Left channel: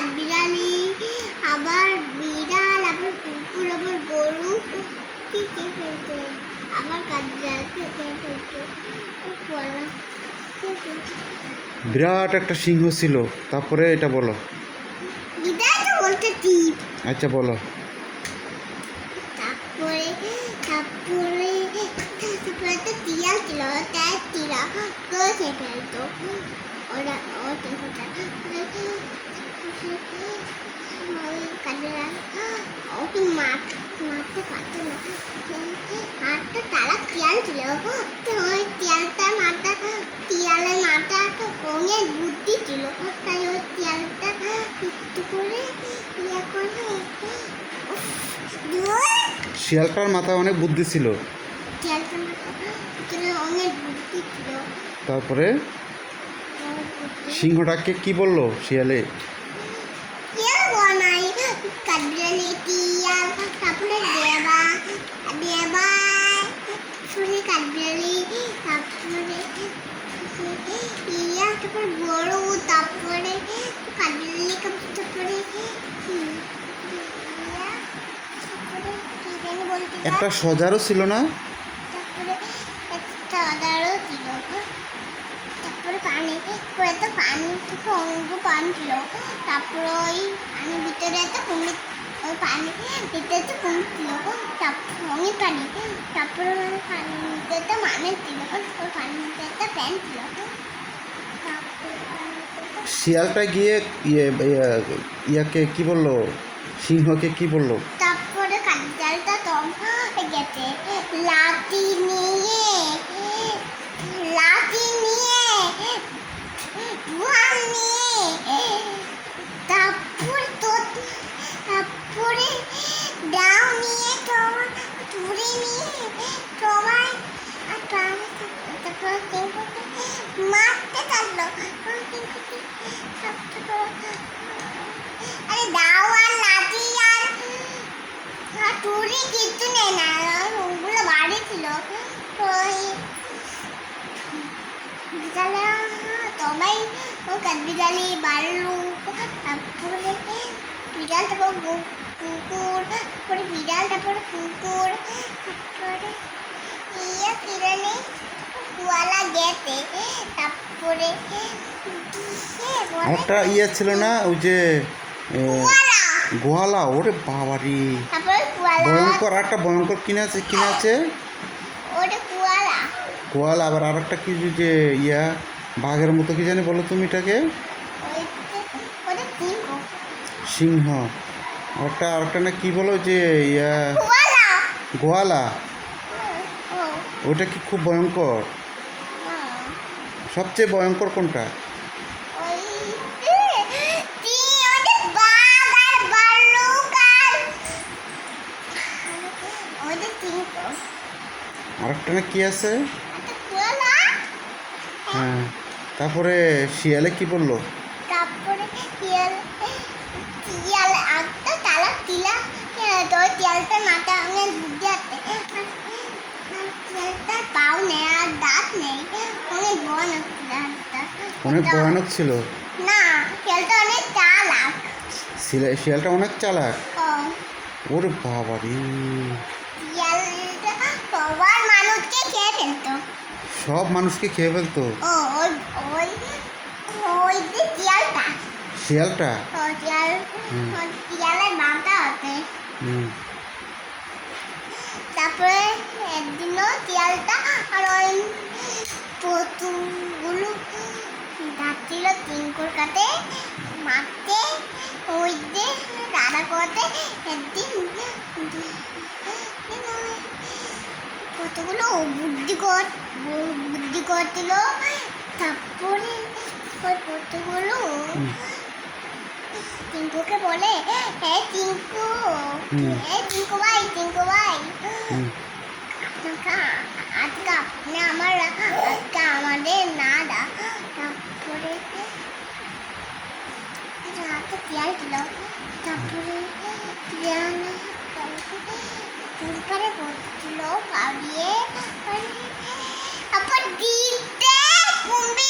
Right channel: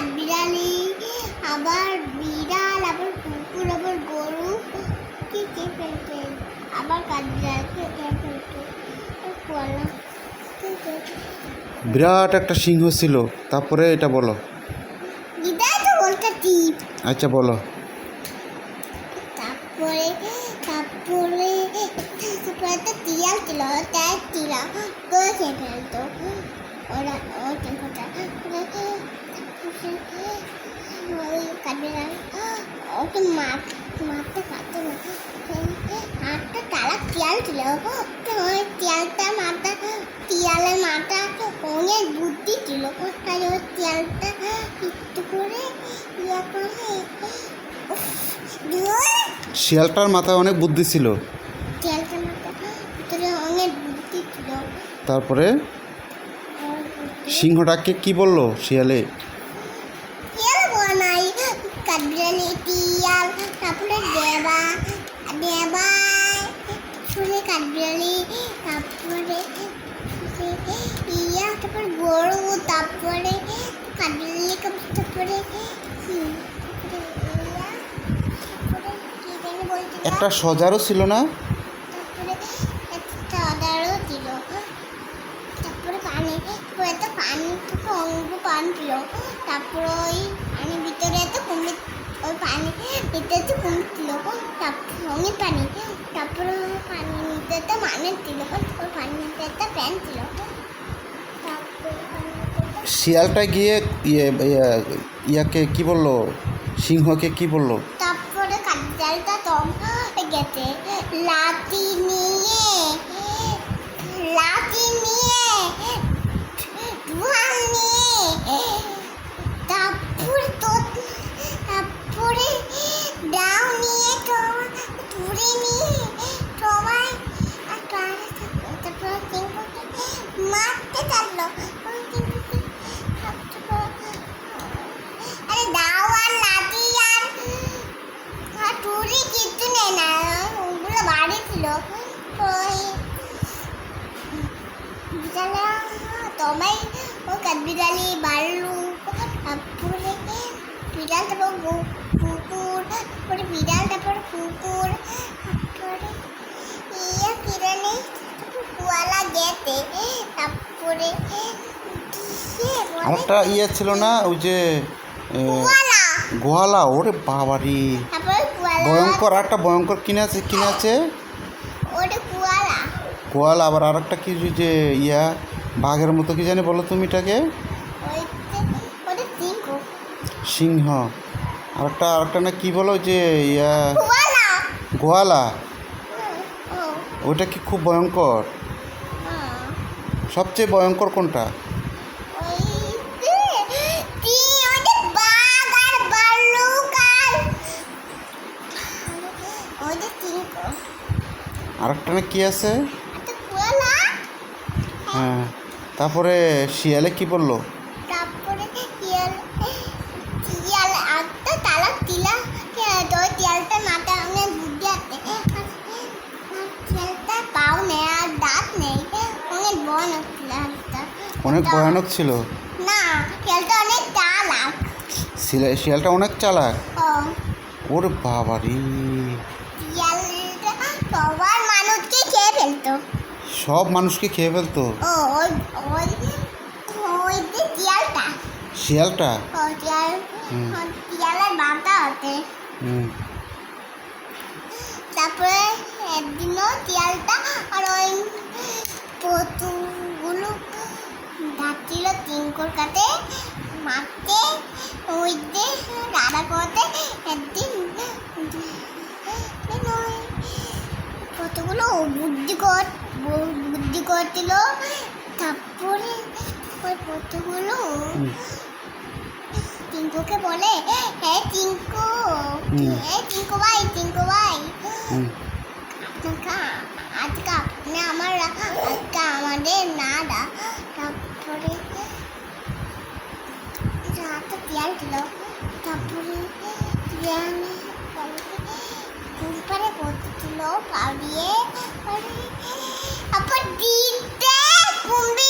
কাঠবিড়ালি, আবার বিড়াল, আবার কুকুর, আবার গরু কি ফেলতো, আবার কাঠবিড়ালকে ফেলতো, কোয়ালা বিরাট একটা সিংহ ছিল। তারপরে এটা বলো। এটাই তো বলতে টিপ। আচ্ছা বলো। তারপরে তারপরে তারপরে তো টিয়াল ছিল, তাই টিলা কষে ফেলতো ওরা ওটা ওই কাঠবিড়াল ওকে মারতে পারতো না, হাতটা তালা টিয়াল ছিল, ওই টিয়ালটার মাথা, টিয়ালের মাথা অনেক বুদ্ধি ছিল, তাই ওই টিয়ালটা একটু করে ইয়ে করে শিয়ালটার মাথায় অনেক বুদ্ধি ছিল। টিয়ালটার মাথা ভিতরে অনেক বুদ্ধি ছিল। তারপরে সিংহটাকে কি বললো শিয়ালে? টিয়াল বানাই কাঠবিড়ালি টিয়াল, তারপরে দেবা শুনে কাঠবিড়ালি, তারপরে ইয়া, তারপরে গরু, তারপরে কাঠবিড়ালি, তারপরে একটা সজারও ছিল না? তারপরে একটা আদারও ছিল, তারপরে পানি তো পানি থেকে অনেক পানি ছিল, তারপরে ওই পানির ভিতরে একটা কুমির, ওই পানি ভিতরে তো কুমির ছিল, তারপরে অনেক পানি, তারপরে পানির ভিতরে তো মানুষ ছিল, ওই পানির ভিতরে একটা প্যান্ট ছিল, তারপরে শিয়ালটা গিয়ে ইয়াকে কি বললো, সিংহকে কি বললো? তারপরে কাঠবিড়ালটা তো গেছে লাঠি নিয়ে ঢোল নিয়ে, তারপরে ডাউ নিয়ে তুড়ি নিয়ে সবাই তারপরে মারতে থাকলো। আরে দাও আর লাঠি আর তুড়ি কিচ্ছু নেই না, ওগুলো বাড়ি ছিল। ওই বিড়ালে সবাই ও কাঠবিড়ালি ভাল্লুক, তারপরে বিড়াল, তারপর কুকুর, তারপরে বিড়াল, তারপরে কুকুর, তারপরে ইয়ে কিরণে কোয়ালা গেছে, তারপরে একটা ইয়ে ছিল না ওই যে গোয়ালা? ওরে বাবারি, ভয়ঙ্কর একটা ভয়ঙ্কর কিনে আছে ওরে গোয়ালা। আবার আর একটা কি যে ইয়া বাঘের মতো কি জানি বলো তুমি এটাকে? সিংহ। আরেকটা না কি বলো যে ইয়া গোয়ালা, ওটা কি খুব ভয়ঙ্কর? সবচেয়ে ভয়ঙ্কর কোনটা? আরেকটা না কি আছে? হ্যাঁ। তারপরে শিয়ালে কি বললো? তারপরে টিয়াল একটা তালা টিলা, তো টিয়ালটার মাথা অনেক বুদ্ধি আছে, টিয়ালটার পাও নেই আর দাঁত নেই, অনেক ভয়ানক টিয়ালটা, অনেক ভয়ানক ছিল না টিয়ালটা অনেক চালাক, শিয়ালটা অনেক চালাক। ওরে বাবারি, টিয়ালটা সবার মানুষকে খেয়ে ফেলতো, সব মানুষকে খেয়ে ফেলতো। ওই যে টিয়ালটা, শিয়ালটা টিয়ালের মাথা হতে। তারপরে একদিনও টিয়ালটা আর ওই পতুগুলো যাচ্ছিল তিনকোর কাছে মারতে, ওই যে রাধা করতে, একদিন কতগুলো বুদ্ধি করছিল, তারপরে ওই পতুগুলো টিঙ্কুকে বলে, হ্যাঁ টিঙ্কু ভাই আজকে আপনি আজকে আমাদের না দা, তারপরে হাতে টিয়াল ছিল, তারপরে টিয়াল পুরপারে পড়ছিল পা দিয়ে, তারপর দিতে কুম্ভি